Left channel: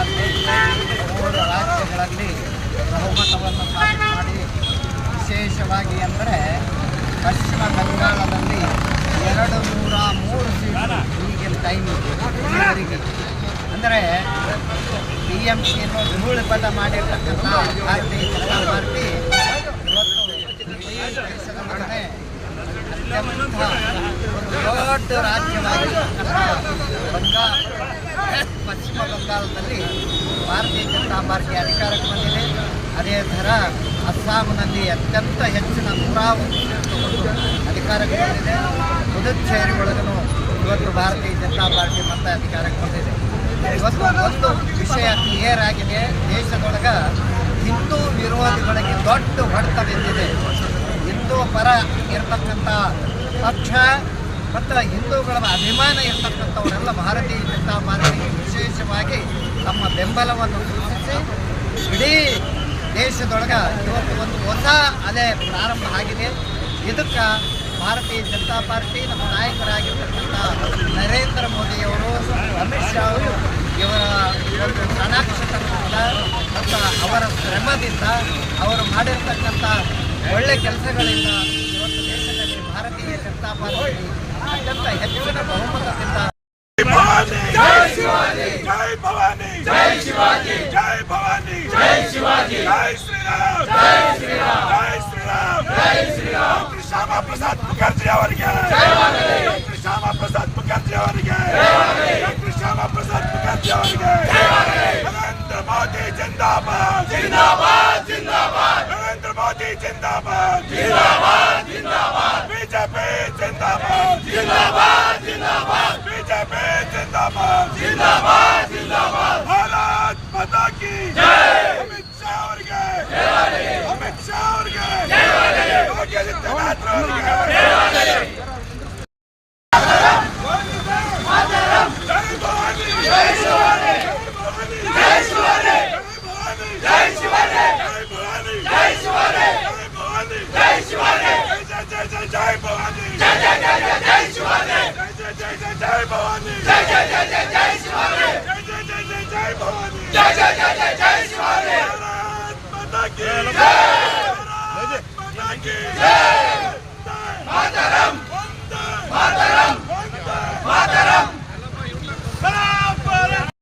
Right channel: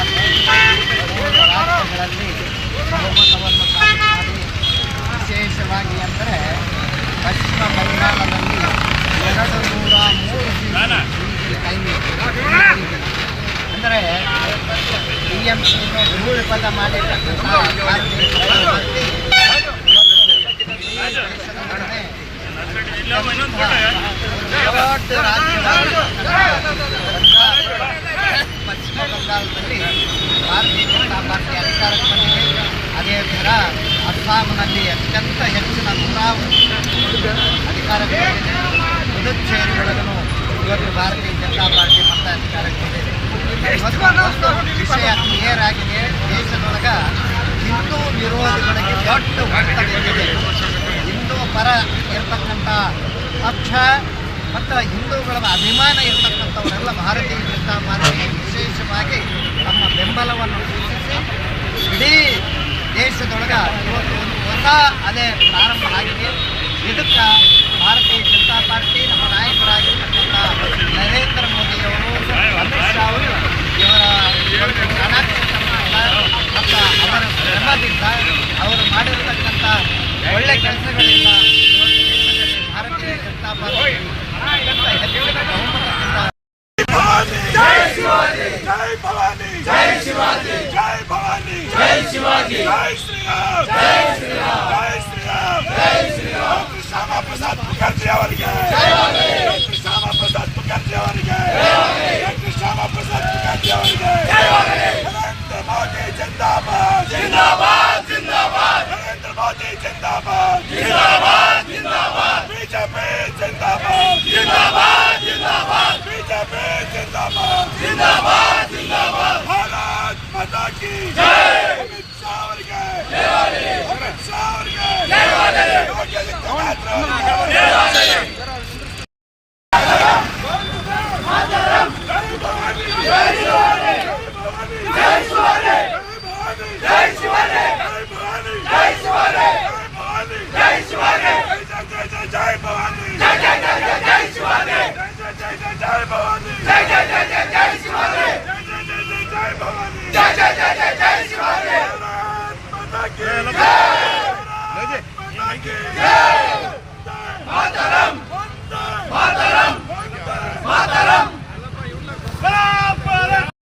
Party 3 ರಾಜ್ಯಗಳಲ್ಲಿ ಬಹುಮತವನ್ನು ಸಾಬೀತು ಮಾಡಿ ವಿಶೇಷವಾಗಿ ಅಂದರೆ ಪಶ್ಚಿಮ ಬಂಗಾಳದಲ್ಲಿ 203 ಸೀಟು ಕೈ ನೀಡಿದೆ. ಅಂದರೆ TMCಯನ್ನು ಧೂಳಿಪದ ಮಾಡಿರ್ತಕ್ಕಂಥ ಭಾರತೀಯ ಜನತಾ ಪಾರ್ಟಿ ದೊಡ್ಡ ರಾಜ್ಯವಾಗಿರ್ತಕ್ಕಂಥ ಪಶ್ಚಿಮ ಬಂಗಾಳದಲ್ಲಿ ಭಾರತೀಯ ಜನತಾ ಪಾರ್ಟಿ ಅಧಿಕಾರಕ್ಕೆ ಬಂದಿದೆ. ಅದೇ ಥರ ಅಸ್ಸಾಂನಲ್ಲಿ ಅತ್ಯಂತ ಹೆಚ್ಚಿನ 109 ಅಧಿಕಾರಕ್ಕೆ ಬಂದಿದೆ. ಪುದುಚೇರಿ ಒಳಗೂ ಇವತ್ತು ಭಾರತೀಯ ಜನತಾ ಪಾರ್ಟಿ ಮತ್ತೆ ಅಧಿಕಾರಕ್ಕೆ ಬಂದಿದೆ. ಇವತ್ತು ಒಂದು ವಿಷಯ ಕ್ಲಿಯರ್ ಆಗಿದೆ, ದೇಶದೊಳಗೆ ಹಿಂದೂ ವಿರೋಧಿಗಳಿಗೆ ದೊಡ್ಡ ಹೊಡೆತ ಬಿದ್ದಿದೆ. ಹಿಂದೂ ಪರ ಇರತಕ್ಕಂಥ ಪಕ್ಷ ಮತ್ತು ಹಿಂದೂಗಳ ಅಭಿಮಾನ ಇರತಕ್ಕಂಥವರೆಲ್ಲ ಭಾರತೀಯ ಜನತಾ ಪಾರ್ಟಿಗೆ ವಿಶೇಷವಾಗಿ ತಮ್ಮ ಬೆಂಬಲವನ್ನು ಸೂಚಿಸಿ ಇಡೀ ದೇಶದೊಳಗೆ ಇವತ್ತು ಒಂದು ಹೊಸ ಅಲೆ ಪ್ರಾರಂಭ ಆಗಿದೆ. ಇದಕ್ಕೆ ಭಾರತೀಯ ಜನತಾ ಪಾರ್ಟಿ ನಮ್ಮ ನಾಯಕರಾಗಿರ್ತಕ್ಕಂಥ ನರೇಂದ್ರ ಮೋದಿಯವರು, ಅಮಿತ್ ಶಾ ಅವರು ಇವರ ಒಂದು ಚಾಣಾಕ್ಷತನದಿಂದ ಮತ್ತು ಅವರ ಶ್ರಮದಿಂದ ಅವರು ಮಾಡಿರತಕ್ಕಂಥ ಒಳ್ಳೆ ಕೆಲಸಗಳಿಂದ ಇವತ್ತು ದೇಶದಲ್ಲಿ ಭಾರತೀಯ ಜನತಾ ಪಾರ್ಟಿ ಅತ್ಯಂತ ಹೆಚ್ಚಿನ ಬಹುಮತದಿಂದ जय शिवाजी, जय भवानी, जय शिवाजी, जय भवानी, जय शिवाजी, जय श्री राम, जय श्री राम, जय श्री राम, जय श्री राम. डॉक्टर श्यामा प्रसाद मुखर्जी ಅವರಿಗೆ ಡಾಕ್ಟರ್ ಶ್ಯಾಮಾ ಪ್ರಸಾದ್ ಮುಖರ್ಜಿ ಅವರಿಗೆ ಡಾಕ್ಟರ್ ಶ್ಯಾಮಾ ಪ್ರಸಾದ್ ಮುಖರ್ಜಿ ಅವರಿಗೆ ನರೇಂದ್ರ ಮೋದಿ ಜಿಂದಾಬಾದ್ ಜಿಂದಾಬಾದ್ ಜಿಂದಾಬಾದ್ ನರೇಂದ್ರ ಮೋದಿ ಜಿಂದಾಬಾದ್ ಜಿಂದಾಬಾದ್ ಜಿಂದಾಬಾದ್ ಬಿಜೆಪಿ ಜಿಂದಾಬಾದ್ ಜಿಂದಾಬಾದ್ ಜಿಂದಾಬಾದ್ ಬಿಜೆಪಿ ಜಿಂದಾಬಾದ್ ಜಿಂದಾಬಾದ್ ಜಿಂದಾಬಾದ್ ಭಾರತ್ ಮಾತಾ ಕಿ ಜೈ. ಅಮಿತ್ ಶಾ ಅವರಿಗೆ ಅಮಿತ್ ಶಾ ಅವರಿಗೆ ಯೋಗಿ ಆದಿತ್ಯನಾಥ್ ಅವರಿಗೆ जय भवानी, जय जय जय जय जय शिवाजी, जय जय जय जय भवानी, जय जय जय जय जय शिवाजी, जय जय जय जय जय भवानी, जय जय जय जय जय शिवाजी. भारत माता की जय, भारत माता की जय. मातरम, मातरम.